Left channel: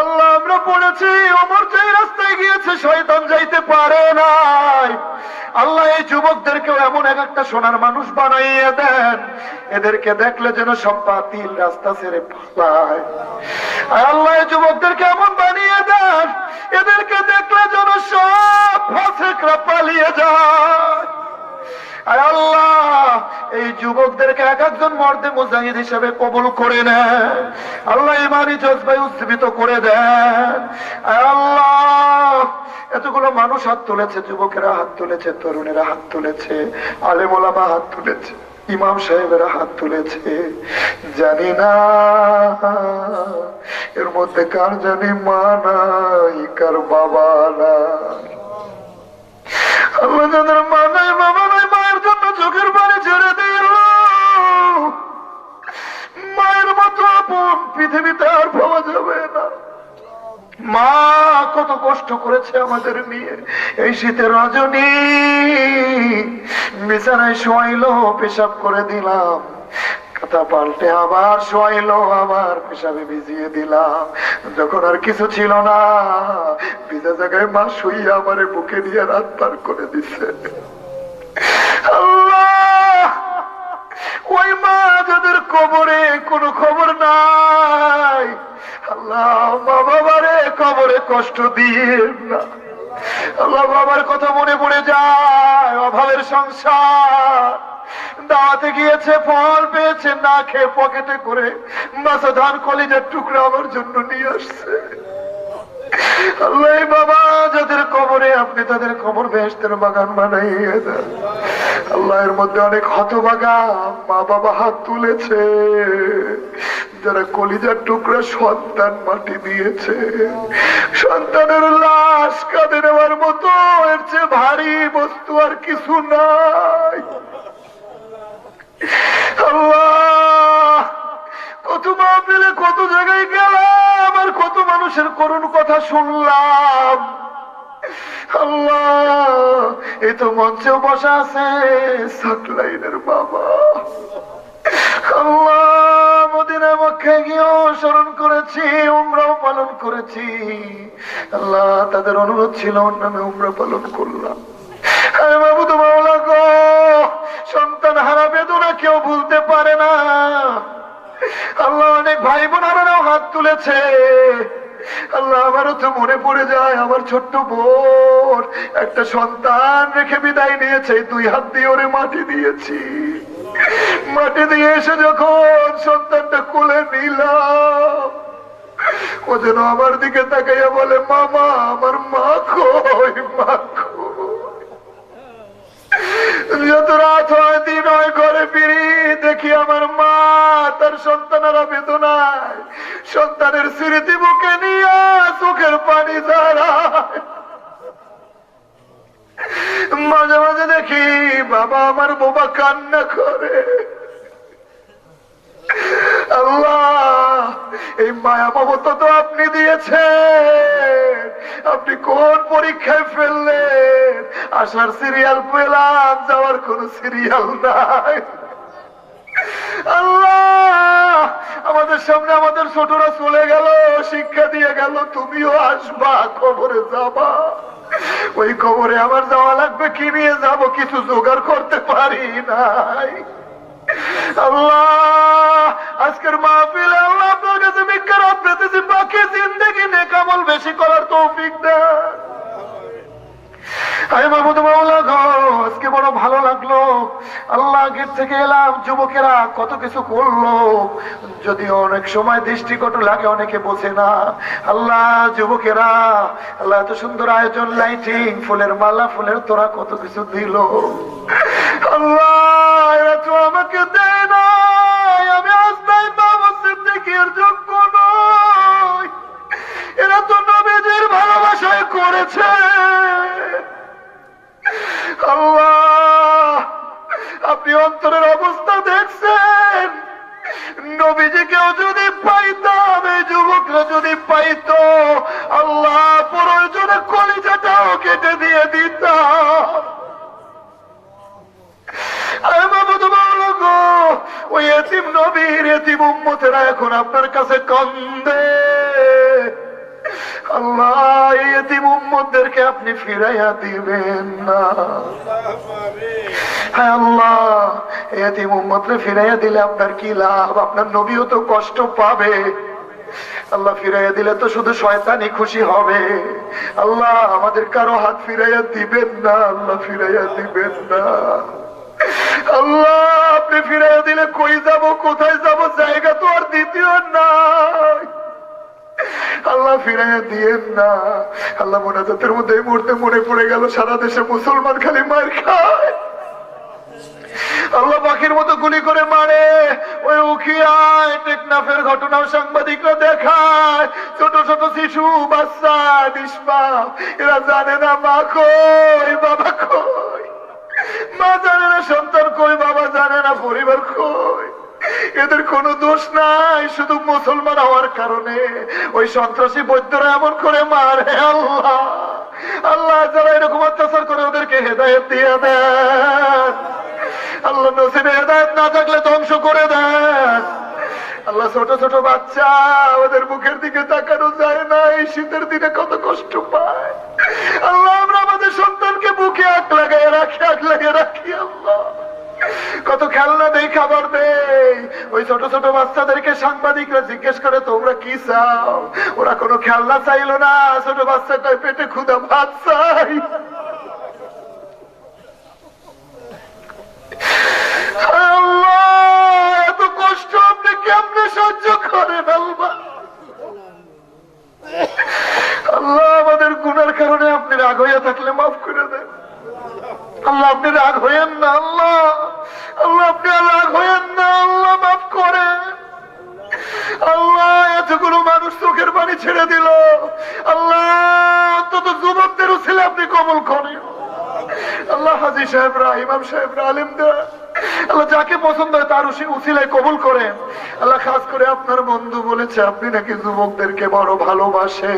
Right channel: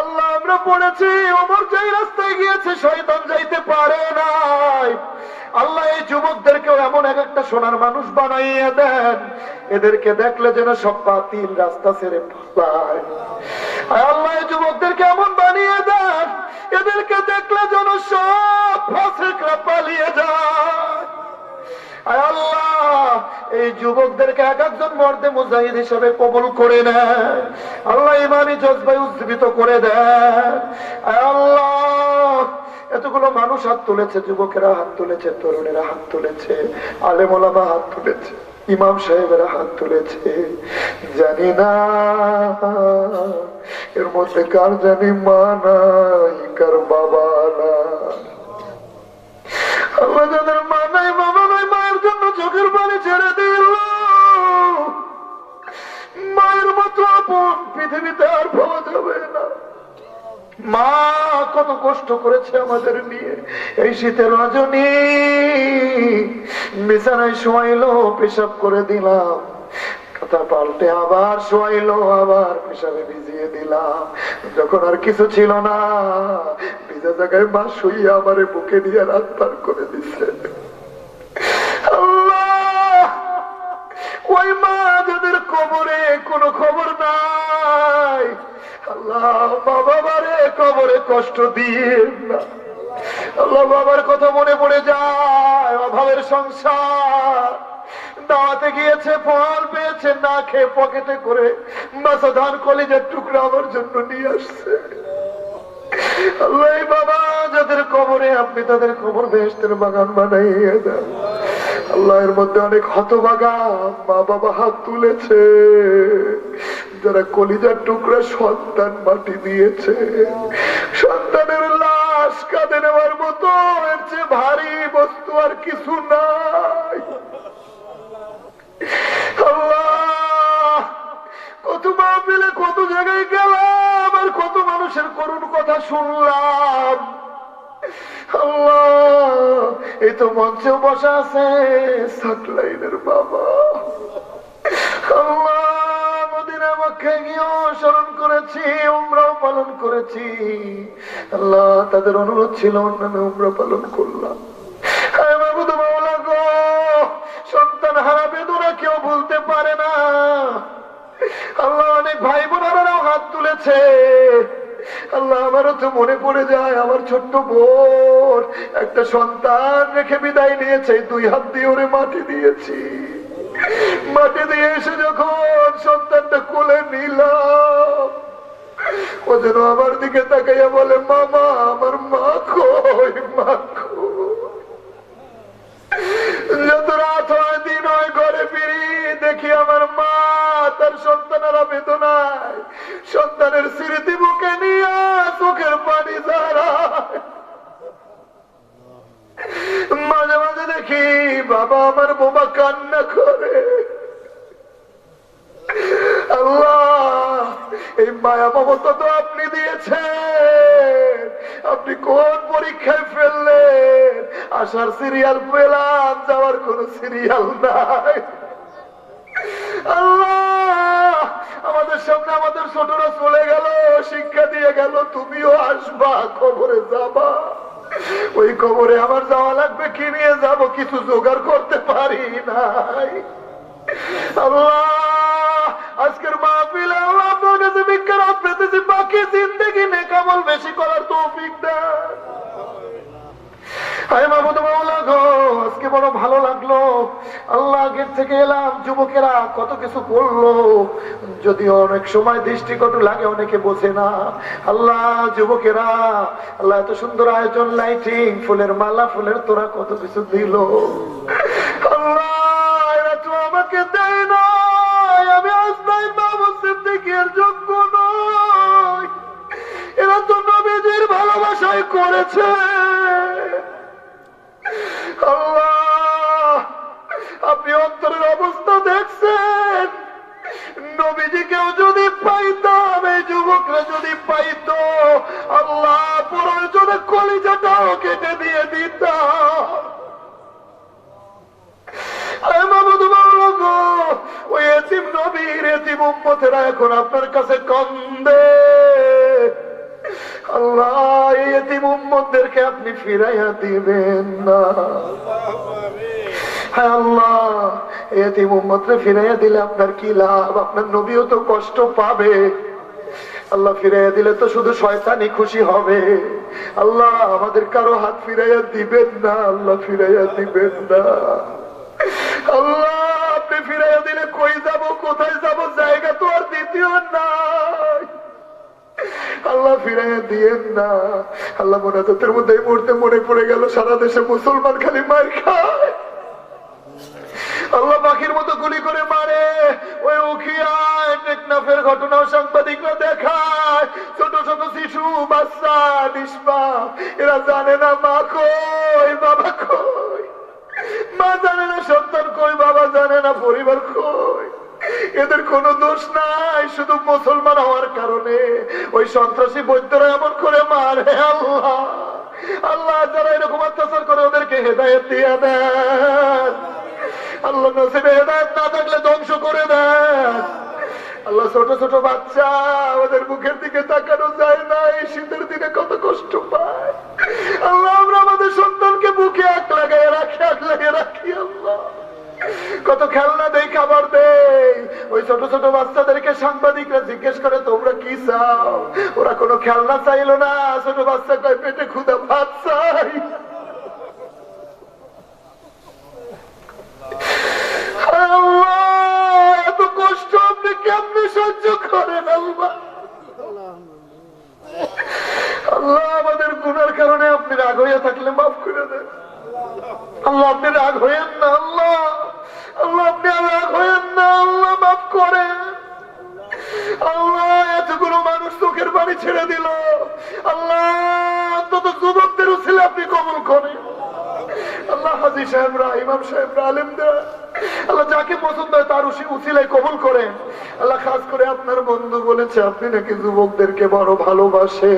আল্লাহ, আমরা পড়েছি ওমর যেই রাস্তায় গিয়েছে, শয়তান যাইতে পারে নাই। আল্লাহ, এই যুবকদেরকেও এমন এক একটা সোনার মানুষ বানাইয়ে দেন। এদেরকে দেখলে যেন সব বাতিল রাস্তা ছেড়ে পালায়। আল্লাহ যুবকদেরকে এমন বানিয়ে দেন, এদেরকে দেখলে যেন সব ফাঁসেকরা পালিয়ে যায়। আর আল্লাহ, এই যুবকদেরকে এক একজন মর্দে মুজাহিদ হিসেবে কবুল করে নেন আল্লাহ ইমানি জজবাই উজ্জীবিত করে দেন আর আল্লাহ, এতগুলো মানুষ হাত তুলেছে, যুবকেরা হাত তুলেছে, তরুণেরা হাত তুলেছে, আলেমোলামা হাত তুলেছে, ইমাম সাহেবেরা হাত তুলেছে। জানি না, এর মধ্যে কার জানি মা নাই, কার বাবা না আল্লাহ যাদের মা নাই, বাবা চোখের পানি ছেড়ে দিল। মায়ের মতো আপন পৃথিবীতে আর পাওয়া যাবে না। মা, কত কষ্ট করেছে আমাদের নিয়ে এই শীতের রজনী পেশাব করে দিলাম। কথা পাল্টে আবার শোয়াইলো, আবার পেশাবে ভিজিয়ে দিলাম। যখন আর কিছু ছিল না, ভিজা জায়গায় মা শুইয়া আমারে বুকে নিয়ে রাত পার করে দিছে আল্লাহ ওই মা যাদের কবরে কোনো খবর নাই। আল্লাহ মা বাবারে কবরে কষ্ট দিয়ে না। আল্লাহ বাবার কথা মনে পড়ে যায়, অভাবের সংসার। দাওয়াতে গিয়েছে, ফল পেয়েছে, না খেয়ে পকেটে করে বাসা ধান কলেজের টুকরা আমার জন্য নিয়ে আসছে। মা যারা কলিজার টুকরা সন্তান মাটি দিয়েছে, সন্তানের লাশ কাঁদে নেওয়ার মতো এর চেয়ে ভারী বস্তু আর কিছু নাই। কত মাহফিলে কত জায়গায় গেলাম। কত মানুষের করুণ কথা শুনলাম। এই তো মঞ্চেও বসা আছে, সাকলাইনের বাবা। স্মরণ করেছি পালন করেছি। আল্লাহ, তাদের অনুরোধ ছিল পালন করলাম। সন্তান হারা বেদনা কেউ ভুলতে পারে না। আল্লাহ অনেক ভাই বোনেরাও হাত তুলেছে। আল্লাহ আমারও তো মনে পড়ে যায়, আমার ছোট্ট বোন, একটা সন্তান রেখে বিদায় নিয়েছে, দুই হাত দিয়ে ওরে মাটি দিয়েছি। মাটি দিয়ে এসে যখন সন্তানটা কোলে নিলাম, ও যেন আমার দিকে তাকাইয়া বলে, মামা, আমার মা কই? মা কই? যত রাত হয়, দিন হয়, ঘরে ফিরি, দেখি আমার মা, তার সন্তানেরা বেদনায়, সন্তানের স্মৃতি বুকে নিয়ে চোখের পানি দাঁড়ায় মাঝে মাঝে দেখি বাবা আমার বোবা কান্না করে। আল্লাহ, এই মায়া মমতা তো আপনি দিয়েছেন। আপনি কোন পরীক্ষায় ফেললেন? আসার সিরিয়াল পেলাম, যাওয়ার কোন সিরিয়াল নাই। আমাদের সামনে আমাদের ছোটরা চলে গেল, শিক্ষা দিয়ে গেল, তুমিও আসবা খবরে যাবা। ওই খবরে আমার যাওয়া লাগবে, কি নিয়ে যাব, কিছু জোগাড় করতে পারি নাই। আল্লাহ থেকে এলাম, যুবকেরা কত কিছু করল। যদিও অনেক সময় দৃষ্টিকটু লাগে, অনেকে বোঝে না। আল্লাহ, যুবকেরা, আল্লাহ এত সুন্দর আয়োজন লাইটিং ফুলের মালা, ফুলের তোরা কত কিছু দিল। আল্লাহ আমাকে দেয় না আমি আজ নাই সিদ্দিকের যোগ্য নয় এরা তো নবীজির ভালোবাসায় করেছে। নবীজিকেও যদি পাইতাম এই যুবকরা যদি পাইত, আল্লাহ প্রয়োজনে কলিজাটাও কেটে দিয়ে উম্মতেরা এখন আপনার কাছে কন্দে। আপনি ফিরাইয়া দিবেন না। আমাদের কারও হাত ফিরাইয়া দিবেন না। আল্লাহ ফিরাইয়া দিবেন না। আল্লাহ, আপনি ফিরাইয়া দিলে কই যাব, কোথায় যাব, জায়গা তো আর দ্বিতীয় নাই। আল্লাহ ফিরাইয়া দিয়েন না। আল্লাহ মোনাজাতের মধ্যে এই মুহূর্তে মনে পড়ে গেল, সারা দেশে মুসলমান খালি মার খায়। আল্লাহ পাখির মতো গুলি করে মারে। ওই উখিয়ায় টেকনাফের ঘটনাও সাংবাদিকরা দেখায়। ছোট ছোট শিশু, বাচ্চা, নিষ্পাপ, এরা জানে না মা কই, বাবা কই। মা জানে না সন্তান কই, বাবা জানে না পরিবার কই। এদের কোনো দোষ নাই, শুধু মুসলমান হওয়ার কারণে। ওই সন্ত্রাসী বৈদ্যরা এমন করে মারে, আল্লাহ। আল্লাহ যারা এরকম অত্যাচার করে, ওদেরকে হেদায়ত দিয়ে দেন। আল্লাহ নসিবে হেদায়ত না থাকলে ধ্বংস করে দেন। আল্লাহ ছোট ছোট বাচ্চা, ওদের মুখের দিকে তাকানো যায় না, এই শীতের দিনে কত কষ্ট পায়। আল্লাহ, আমরা আমাদের সন্তানকে বুকে আঁক লাগাই রাখি, আঁক লাগিয়ে রাখি, আল্লাহ। কত খেলনা দেই, খাবার দেই। ওই ছোট ছোট বাচ্চাদেরকে সাংবাদিকরা জিজ্ঞেস করে, তোমরা কি চাও? ওরা কোনো খেলনা চাইলো না, ছোট বাচ্চা কয় পেটে ক্ষুদা ভাত চাই। এত কষ্ট আপনি কেমনে সহ্য করেন আল্লাহ আল্লাহ, আমাদের গুনার কারণে আপনি রাগ হইয়া থাকলে মাফ করে দেন। আল্লাহ, আপনি রাগ হইয়েন সাহেবরা, ইমাম সাহেবরা আল্লাহ যাকে পছন্দ হয় তার উসিলায় কবুল আল্লাহ খাস করে আপনার বন্ধু বলেছে, আপনি নাকি যুবকদেরকে বড় ভালোবাসে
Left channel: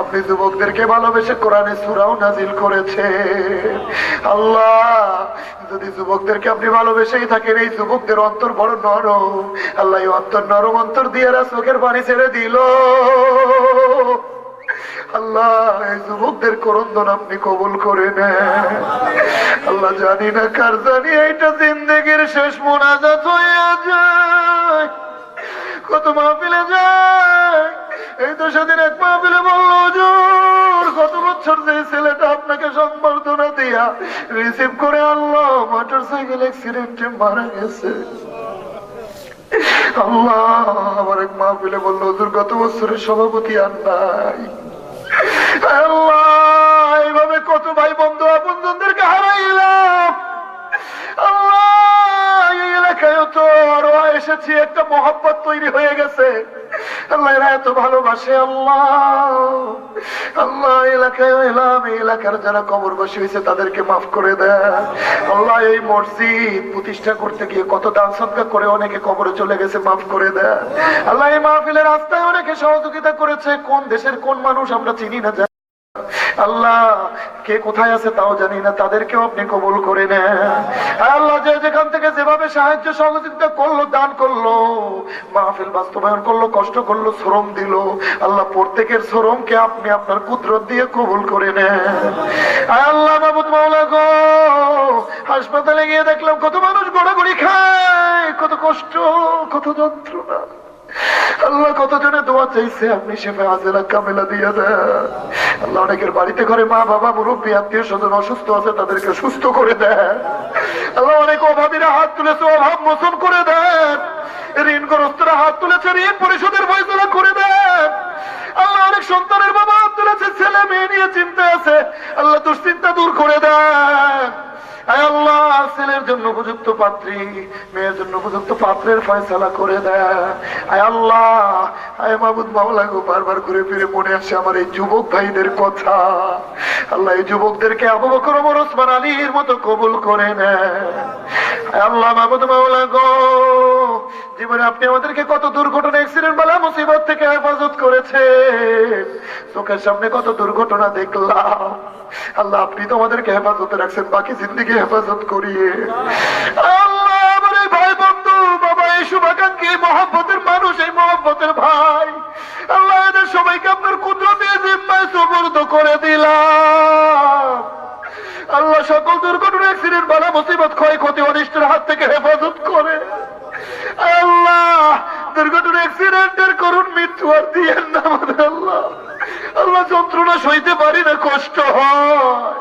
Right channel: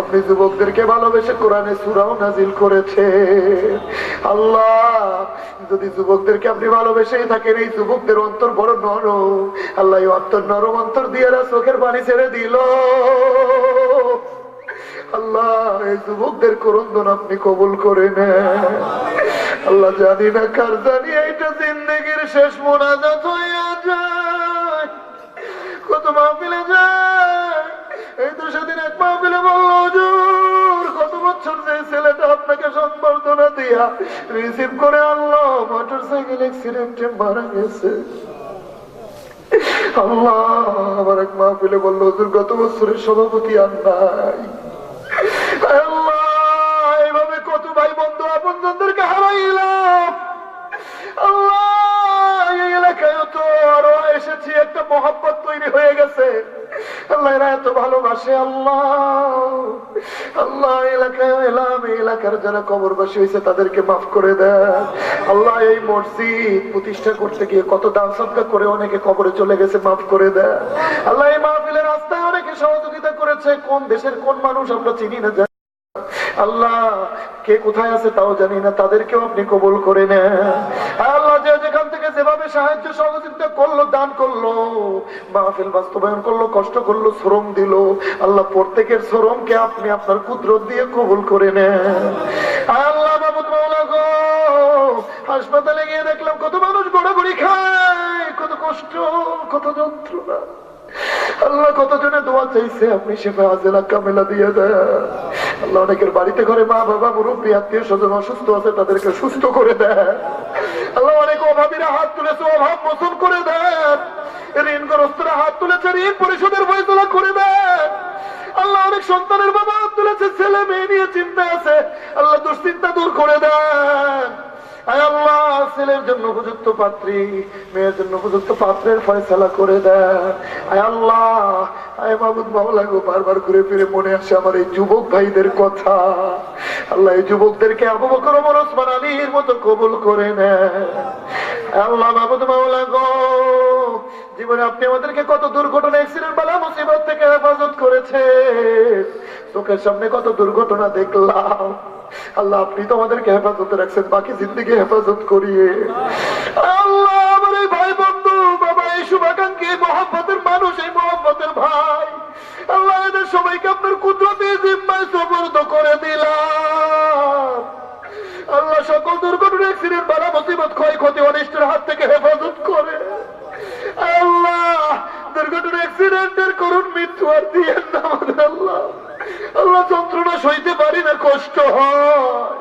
আপনি যুবকদেরকে ভালোবেসে কোরআনে সুরাও নাজিল করেছে আল্লাহ, যদি যুবকদেরকে আপনি ভালোবেসেই থাকেন, এই যুবকদের অন্তর বড় নরম। আল্লাহ অন্তর নরম অন্তর দিয়ে চোখের পানি ছেড়ে দিল। আল্লাহ, এই যুবকদের করন্দন আপনি কবুল করে নেন। আল্লাহ জানি না কার জানি, এইটা জিন্দগির শেষ মোনাজাত হইয়া যায়। কত মাহফিলে যায়। এই তো সেদিন এক মাহফিলে বলল কত বছর যে ছেলেটা আপনাকে সম্বর্ধনা দিয়া রিসিভ করে আল্লাহ মোটর সাইকেল অ্যাক্সিডেন্টে মারা গেছে। আল্লাহ আমার এক মাহফিলে বলল, হুজুর, গত বছরের সভাপতি আর নাই। তৈরি হয়ে গেছে। আল্লাহ এরা এত ভালোবাসে, আল্লাহ। আল্লাহ এলাকায় এলাম এলাকার যারা কবর বসে হয়েছে, তাদেরকে মাফ করে দেয় আল্লাহ, এই মসজিদ প্রতিষ্ঠা করতে গিয়ে কত দান সৎকার করে অনেকে কবরে চলে গেছে, মাফ করে দেয় আল্লাহ, এই মাহফিলের রাস্তায় অনেকে সহযোগিতা করেছে। কোন দেশের কোন মানুষ আমরা চিনি না আল্লাহ, কে কোথায় আছে তাও জানি না, তাদেরকেও আপনি কবুল করে নেন। আল্লাহ যে যেখান থেকে যেভাবে সাহায্য সহযোগিতা করল, দান করল, মাহফিল বাস্তবায়ন করল, কষ্ট করল, শ্রম দিল, আল্লাহ প্রত্যেকের শ্রমকে আপনি আপনার কুদরত দিয়ে কবুল করে নেন। আল্লাহ বাবুদ মাওলা হাসপাতালে গিয়ে দেখলাম, কত মানুষ গোড়াগুড়ি খায়, কত কষ্ট, কত যন্ত্রণা। আল্লাহ কতজনে দোয়া চাইছে? আপনি শেফে আজেলা কামেলা দিয়ে দেন। আল্লাহ অনেকের বাড়িতে ঘরে মা, বাবা, মুরব্বী, আত্মীয় স্বজন অসুস্থ আছে, তাদেরকে সুস্থ করে দেন। আল্লাহ অনেক অভাবীরা হাত তুলেছে, অভাব মোচন করে দেন। ঋণগ্রস্তরা হাত তুলেছে, ঋণ পরিশোধের ফয়সলা করে দেন। আল্লাহ অনেক সন্তানের বাবা হাত তুলেছে, ছেলে মেয়ে নিয়ে চিন্তা আছে। আল্লাহ দুশ্চিন্তা দূর করে দেন। ছেলের জন্য উপযুক্ত পাত্রী, মেয়ের জন্য উপযুক্ত পাত্রের করে আল্লাহ, আয় গো, বারবার করে ফিরে মনে আসে আমার এই যুবক ভাইদের কথা। আল্লাহ এই যুবকদেরকে আলীর মতো কবুল করে আল্লাহ গো, জীবনে আপনি আমাদেরকে কত দুর্ঘটনা অ্যাক্সিডেন্ট বালা মুসিবত থেকে হেফাজত করেছে চোখের সামনে কত দুর্ঘটনা দেখলাম। আল্লাহ, আপনি তো আমাদেরকে হেফাজতে রাখছেন, বাকি জিন্দগি হেফাজত করিয়ে। আল্লাহ, আমার এই ভাই বন্ধু, বাবা, এই শুভাকাঙ্ক্ষী মহব্বতের মানুষ, এই মহব্বতের ভাই। আল্লাহ, এদের সবাইকে আপনার কুদরতি জিম্মায় সবর্দ করে দিলাম। আল্লাহ, সকল দুর্ঘটনা অ্যাক্সিডেন্ট বালা মুসিবত, ক্ষয়ক্ষতি, অনিষ্টের হাত থেকে হেফাজত করে। আল্লাহ, দুর্ঘটনা অ্যাক্সিডেন্টের করুন মৃত্যু আর দিয়েন না আমাদের আল্লাহ। আল্লাহ যন্ত্রণা সইতে পারি না, কষ্ট হয়।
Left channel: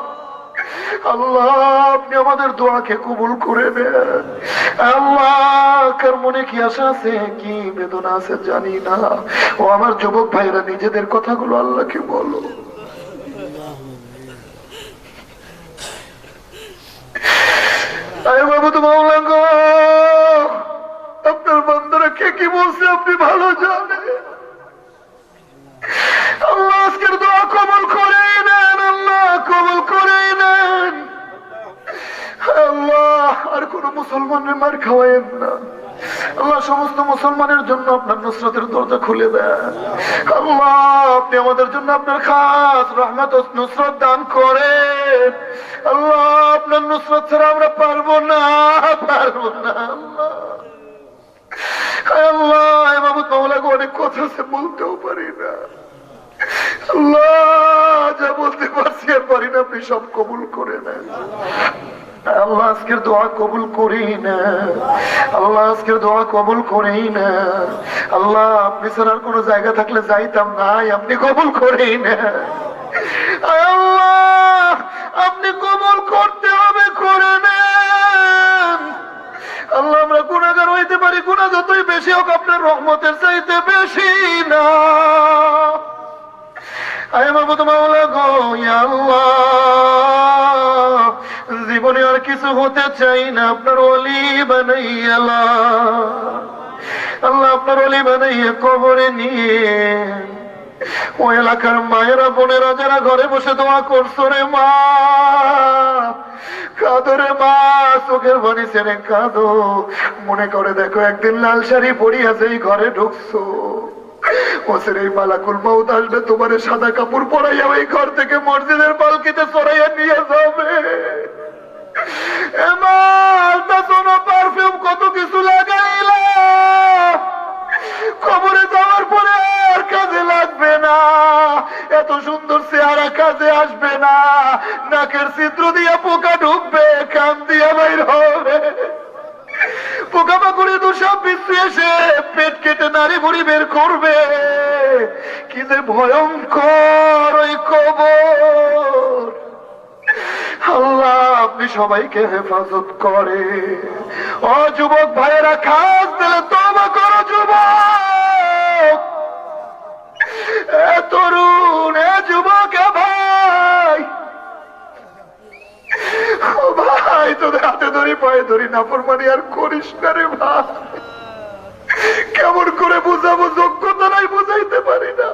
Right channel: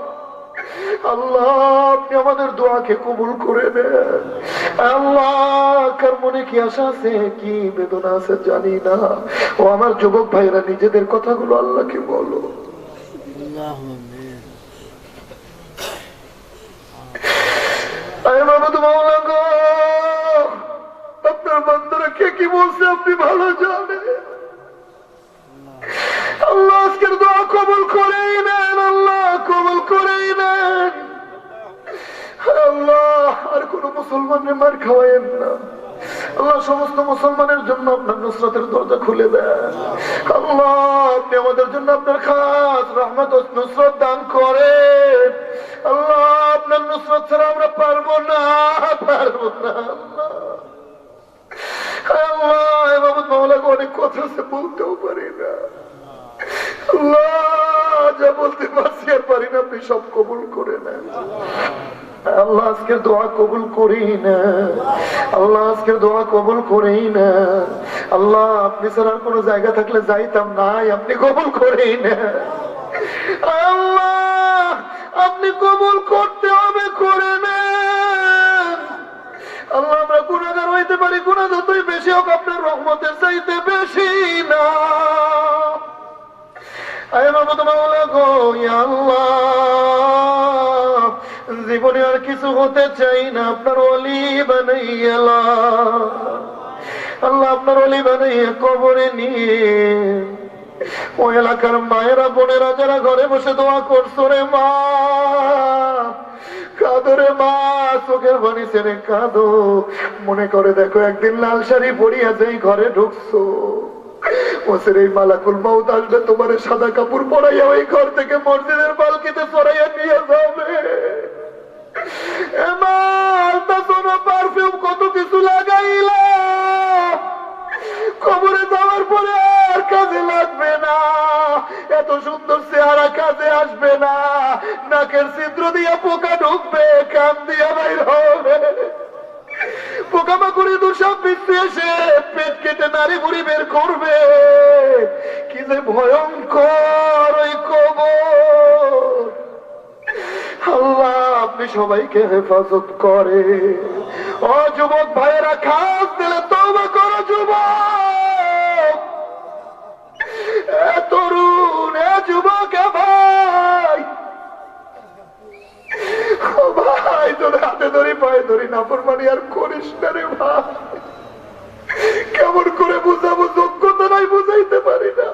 আপনার বান্দারা কে কি বলছে আপনি ভালো জানেন। কবুল নেন আল্লাহ কবুল নেন আল্লাহ, আর কোন মুসলমানের মার খাওয়াইেন না। আল্লাহ, সমস্ত মুসলমানের জন্য আপনার নুসরতের দরজা খুলে দেন। আল্লাহ, আপনি আমাদের জন্য আপনার খাস রহমত নুসরত দান আল্লাহ, আপনার নুসরত ছাড়া আমরা পারব না পারব না, আল্লাহ। আল্লাহ মামলাকে অনেক কথা আছে, বলতেও পারি না। আল্লাহ যা বলতে পারছি পারি না, আপনি সব কবুল করে নেন। আল্লাহ আজকের দোয়া কবুল করি না আল্লাহ আজকের দোয়া কবুল করি না আল্লাহ, আপনি জায়গা থাকলে যাইতাম নাই আপনি কবুল করেই না আল্লাহ, আপনি কবুল করতে হবে, করে আল্লাহ, আমরা গুণাগার হইতে পারি গুণা যতই বেশি হোক, আপনার রহমতের চাইতে বেশি না। আল্লাহ। জীবনে আর কিছু হতে চাই না, আপনার অলি বানাইয়ালা আল্লাহ আপনার অলি বানাইয়া কবরে নিয়ে। ও এলাকার মায়েরা, বোনেরা যারা ঘরে বসে দোয়া করছ রে মা, কাঁদো রে মা, চোখের বাড়ি ছেড়ে কাঁদো। মনে করে দেখো, একদিন লাল শাড়ি পরিয়া ঘরে ঢুকছো। ওসের এই মালাকুল মাউত আসবে, তোমার সাদা কাপড় পরাইয়া ওই ঘর থেকে মসজিদের পালকিতে সরাইয়া নিয়ে যাবে। কত কিছু খবরে যাওয়ার পরে আর কাজে লাগবে না। এত সুন্দর চেহারা কাজে আসবে না। নাকের ছিদ্র দিয়া পোকা ঢুকবে, কান দিয়া বাইর হবে। পেট কেটে ভয়ঙ্কর আপনি সবাইকে হেফাজত করে ও যুবক ভাইয়েরা, খাস দিলে তবা করো যুবক। তরুণ, এ যুবক ভাই। ভাই, তোর হাতে ধরি, পায়ে ধরি না ফরমানি আর করিস না রে ভাই। কেমন করে বুঝাবো, যোগ্যতা নাই, বুঝাইতে পারি না।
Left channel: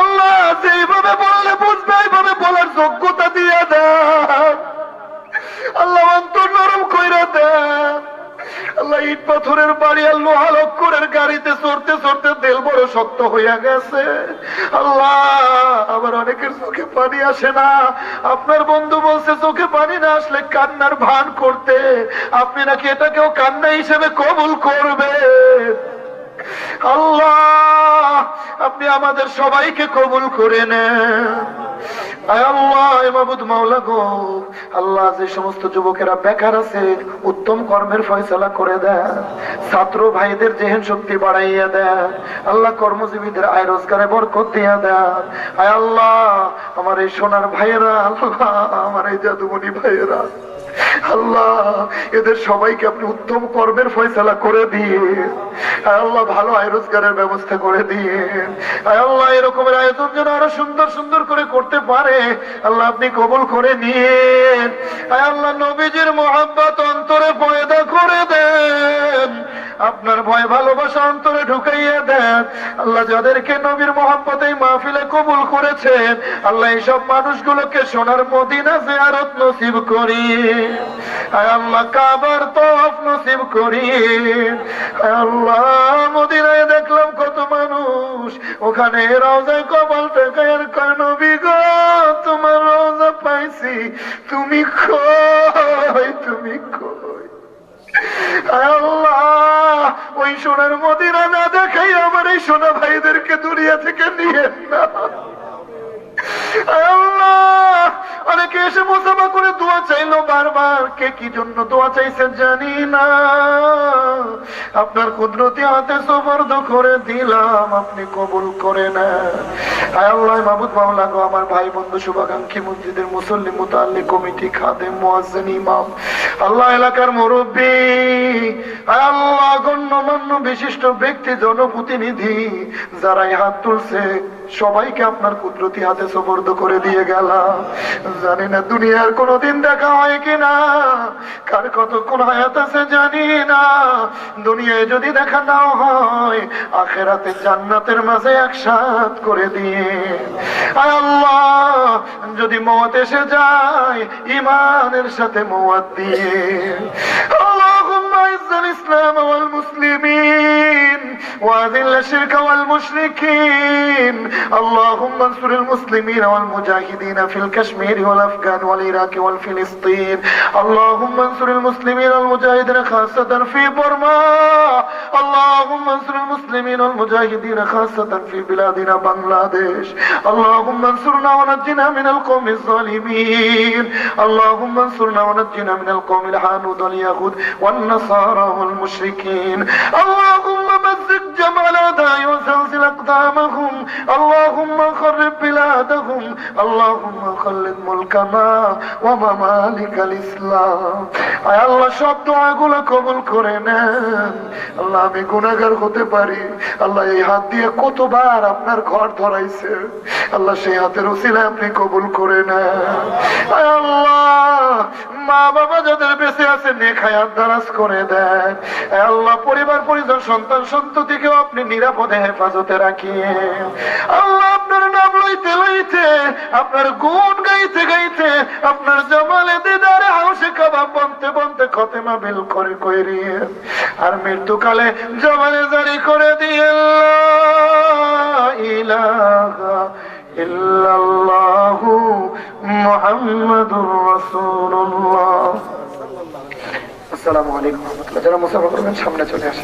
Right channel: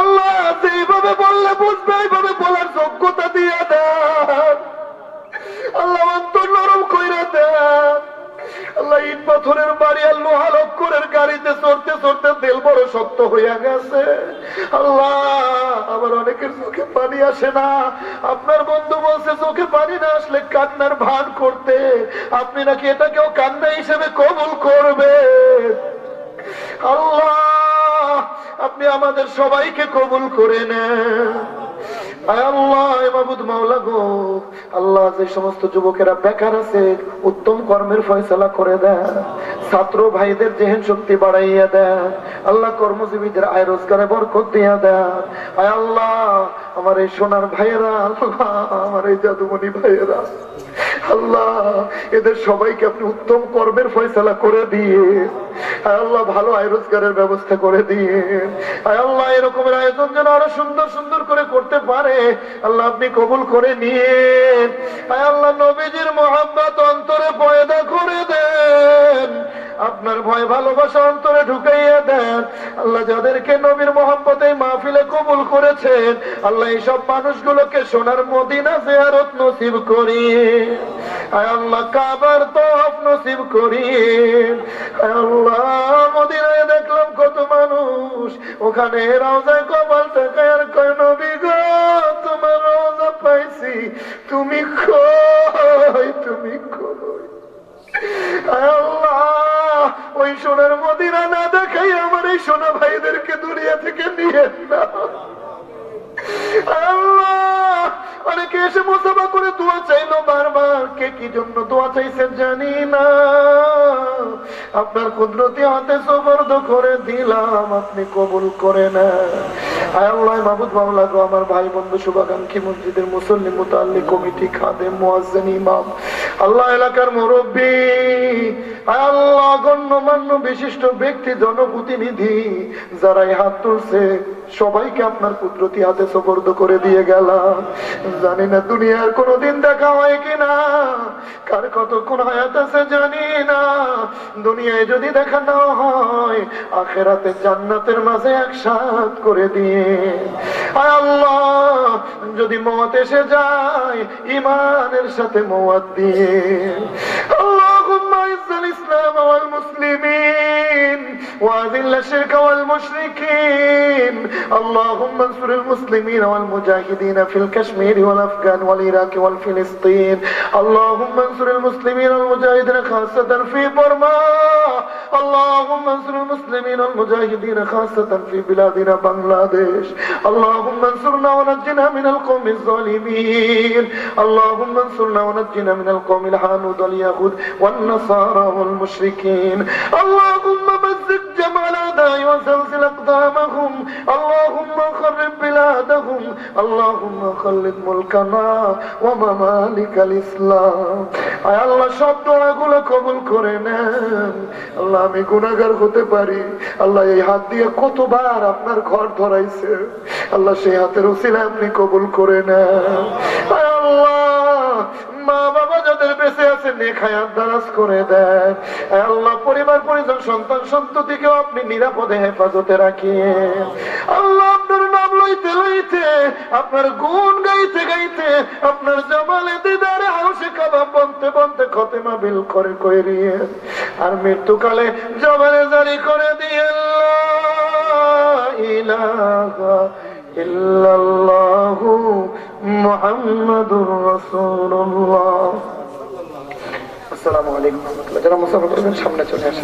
আল্লাহ ইট পাথরের বাড়ি আর লোহা লক্করের গাড়িতে চড়তে চড়তে তেল বড় শক্ত হইয়া গেছে। আল্লাহ আবার অনেকের চোখে পানি আসে না। আপনার বন্ধু বলছে, চোখে পানি না আসলে কান্নার ভান করতে। আপনি নাকি এটাকেও কান্না হিসেবে কবুল করবে আল্লাহ, আপনি আমাদের সবাইকে কবুল করে নেন। উত্তম কর্মের ফয়সলা করে দেন। ছাত্র ভাইদের জেহেন শক্তি বাড়াইয়া দেন। আল্লাহ কর্মজীবীদের আয় রোজগারে বরকত দিয়া আমার এই সোনার ভাইয়েরা, আল্লাহ, আমার এই জাদুমণি ভাইয়েরা। আল্লাহ, এদের সবাইকে আপনি উত্তম কর্মের করে দিয়ে আল্লাহ, ভালো আয় রোজগারের ব্যবস্থা করে দিয়ে আল্লাহ, এরকমের আয়োজন যেন আরও সুন্দর সুন্দর করে করতে পারে, আল্লাহ আপনি কবুল করে নিয়ে আল্লাহ, নবীজির মোহাম্মত অন্তরে আপনার ভয়, ভালোবাসা অন্তরে ঢুকাইয়া দেন। আল্লাহ যাদেরকে নবীর এই মাহফিলে কবুল করেছেন, আল্লাহ এইসব মানুষগুলোকে সোনার মদিনা জিয়ারত নসিব করি আল্লাহ, কাবার তফ নসিব করি আল্লাহ, মদিনায় দেখলাম কত মানুষ, ওখানে রওজায় কপাল টাকায় কয়, নবী গো, তোমার রওজা পাইছি, তুমি কই তুমি কই? ওই সোনার মদিনা না দেখাই আমার এই সোনা ভাইদেরকে দুনিয়া থেকে নিয়ে না অনেকে এসে মোসাফা করে দোয়া চাইলো বারবার। কে কি জন্য দোয়া জানি না। আপনার কুদরতি হাতে সবর্দ করে দিলাম, আপনি কবুল করে না এলাকার আল্লাহ বিশিষ্ট ব্যক্তি, জনপ্রতিনিধি যারা হাত তুলছে সবাইকে আপনার কুদরতি হাতে সবর্দ করে দিয়ে গেলাম। জানি না দুনিয়ার কোনোদিন দেখা হয় কিনা, কার কতক্ষণ হায়াত আছে জানি না। দুনিয়ায় যদি দেখা নাও হয়, আখেরাতে জান্নাতের মাঝে একসাথ করে দিয়ে আল্লাহ, যদি মত এসে যায় ইমানের সাথে মত দিয়ে اللهم اعز الإسلام والمسلمين وأذل الشرك والمشركين. اللهم انصر المسلمين والمجاهدين في الكشمير والأفغان والعراق والفلسطين. اللهم انصر المسلمين والمجاهدين خاصة في برما. اللهم انصر المسلمين والمجاهدين خاصة في بلادنا بنغلاديش. اللهم انصرنا ونجنا من القوم الظالمين. اللهم انصرنا ونجنا من القوم الحانود واليهود والنصارى والمشركين اللهم مزق جمع الأعداء وزلزل أقدامهم اللهم خرب بلادهم اللهم خلد ملكنا وممالك الإسلام আয় আল্লাহ সব দোয়াগুলো কবুল করে নেন আল্লাহ আমি গুনাহগার হতে পারি আল্লাহ এই হাত দিয়ে কতবার আপনার ঘর ধরাইছে আল্লাহ সেই হাতের ওসিলা আপনি কবুল করে নেন আয় আল্লাহ মা বাবা যাদের বেঁচে আছে নেখায়াত দারাজ করে দেন আল্লাহ পরিবার, পরিজন, সন্তান, সন্ততিকেও আপনি নিরাপদে হেফাজতে রাখিয়ে আল্লাহ আপনার নাম লইতে লইতে, আপনার গুণ গাইতে গাইতে, আপনার জমালে দিদারে হাউসে কাবাব বনতে বনতে খতেমা বিল করে করিয়ে আর মৃত্যুকালে জমানে জারি করে দিয়ে ইলাহা ইল্লাল্লাহু মোহাম্মদুর রাসূলুল্লাহ। আসসালামু আলাইকুম যারা মুসাফা করবেন সামনে চলে আসে